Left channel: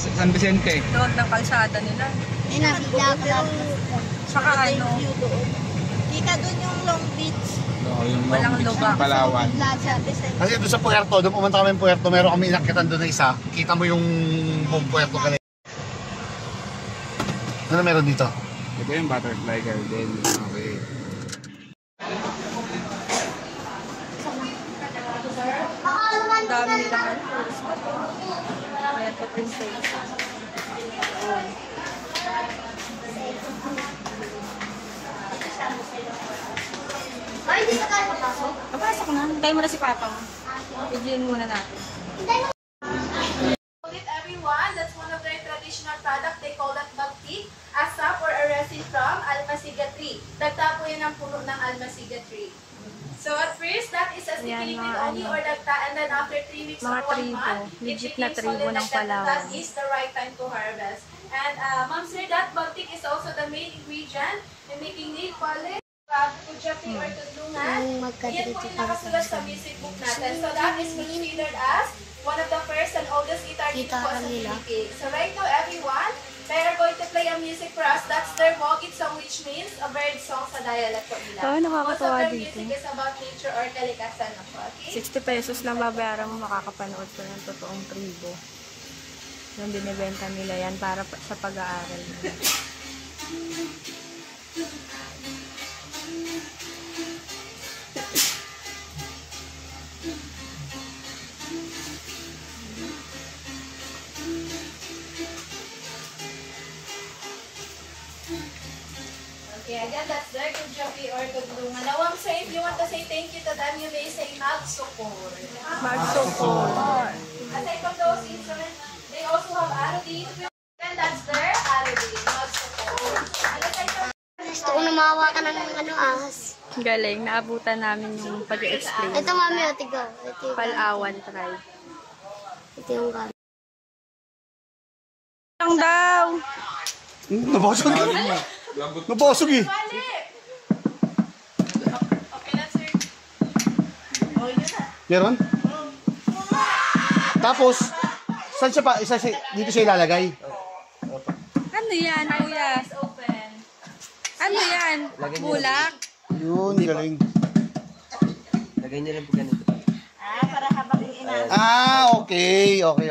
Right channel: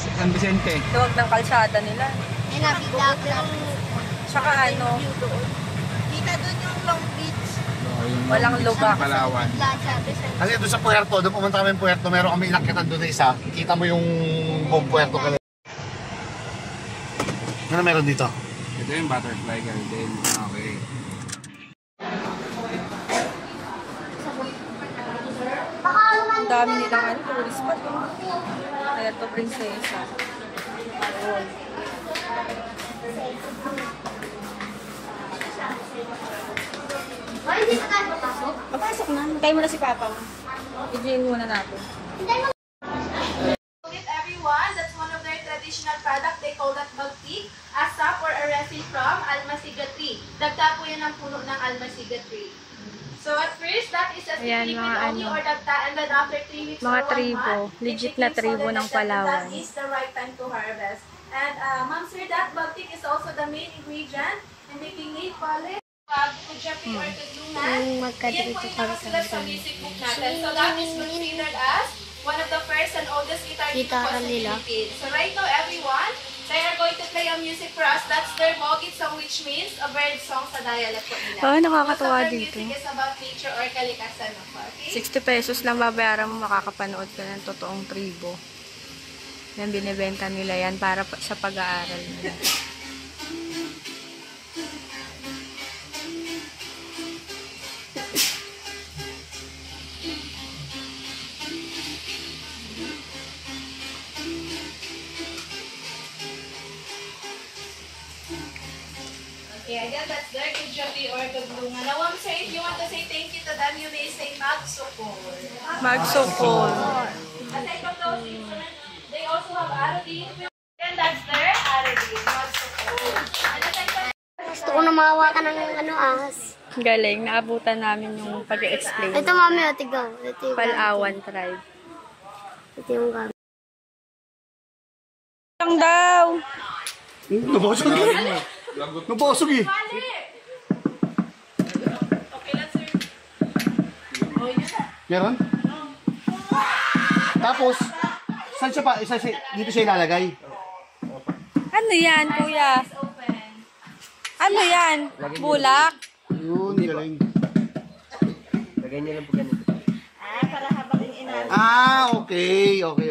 San Vicente. Doon ng kalsada nila. Tsaka ano, Kita doon yung Long Beach. Oo, yung Walang Long Beach lubak. ng Palawan. Kasi doon sa Puerto, doon pumunta kami ng Puerto, meron kami inakyatan doon na isa. Kita mo yung buong Puerto kanina. Ano meron dito? Ito yung butterfly garden. Okay. ang dami nilang ano, tourist pa. Kaya to prinsesa. Ayun. Ay, hindi pa tayo papasok. Papasok na. Hintayin mo na si Papa. I-join muna natin. Everyone, that's one of their traditional product. They call that bagti, a sap or a resin from almasiga tree. Dagta po yan ang puno ng almasiga tree. So at first, that is a sticky only or dagta, and then after 3 weeks mga or 1 tribo, month, legit na tribo ng Palawan. That is the right time to harvest. And Ma'am Sir, that bagtik is also the main ingredient in making nail polish. Kujapi or tudlungan, yan po yung nakasulat sa music book natin. So that is considered as one of the first and oldest guitar dito po sa Philippines. So right now everyone, they are going to play a music for us. That's their Mogit song, which means a bird song sa dialect po nila. Oo, nakakatuwa dito. Music is about nature or kalikasan na po. Okay? 60 pesos lang babayaran mo, makakapanood ka ng totoong tribo. Yan, binibenta nila yan para sa pag-aaral nila. Okay, again, that's their Kujapi or tudlungan. Now, Ma'am Sir, if you want to say thank you to them, you may say magsukol. Magsukol. Aside from those instruments, they also have arodi. And that's their arodi, magsukol. Gusto ko na makawa ka ng ahas. Galing, naabutan namin yung pag-explain. Ito mami, tiga. Ito yung Palawan tribe. Ito yung gamit. Lang daw! Nabasog eh. Nabasog eh. Okay, let's hear. Meron? Tapos, saan siya pa? Dito siya ilalagay? Ano yan, kuya? Open. Ano yan? Bulak? Yun, galing. Lagay niyo lang po ganito. Ah, okay. Okay.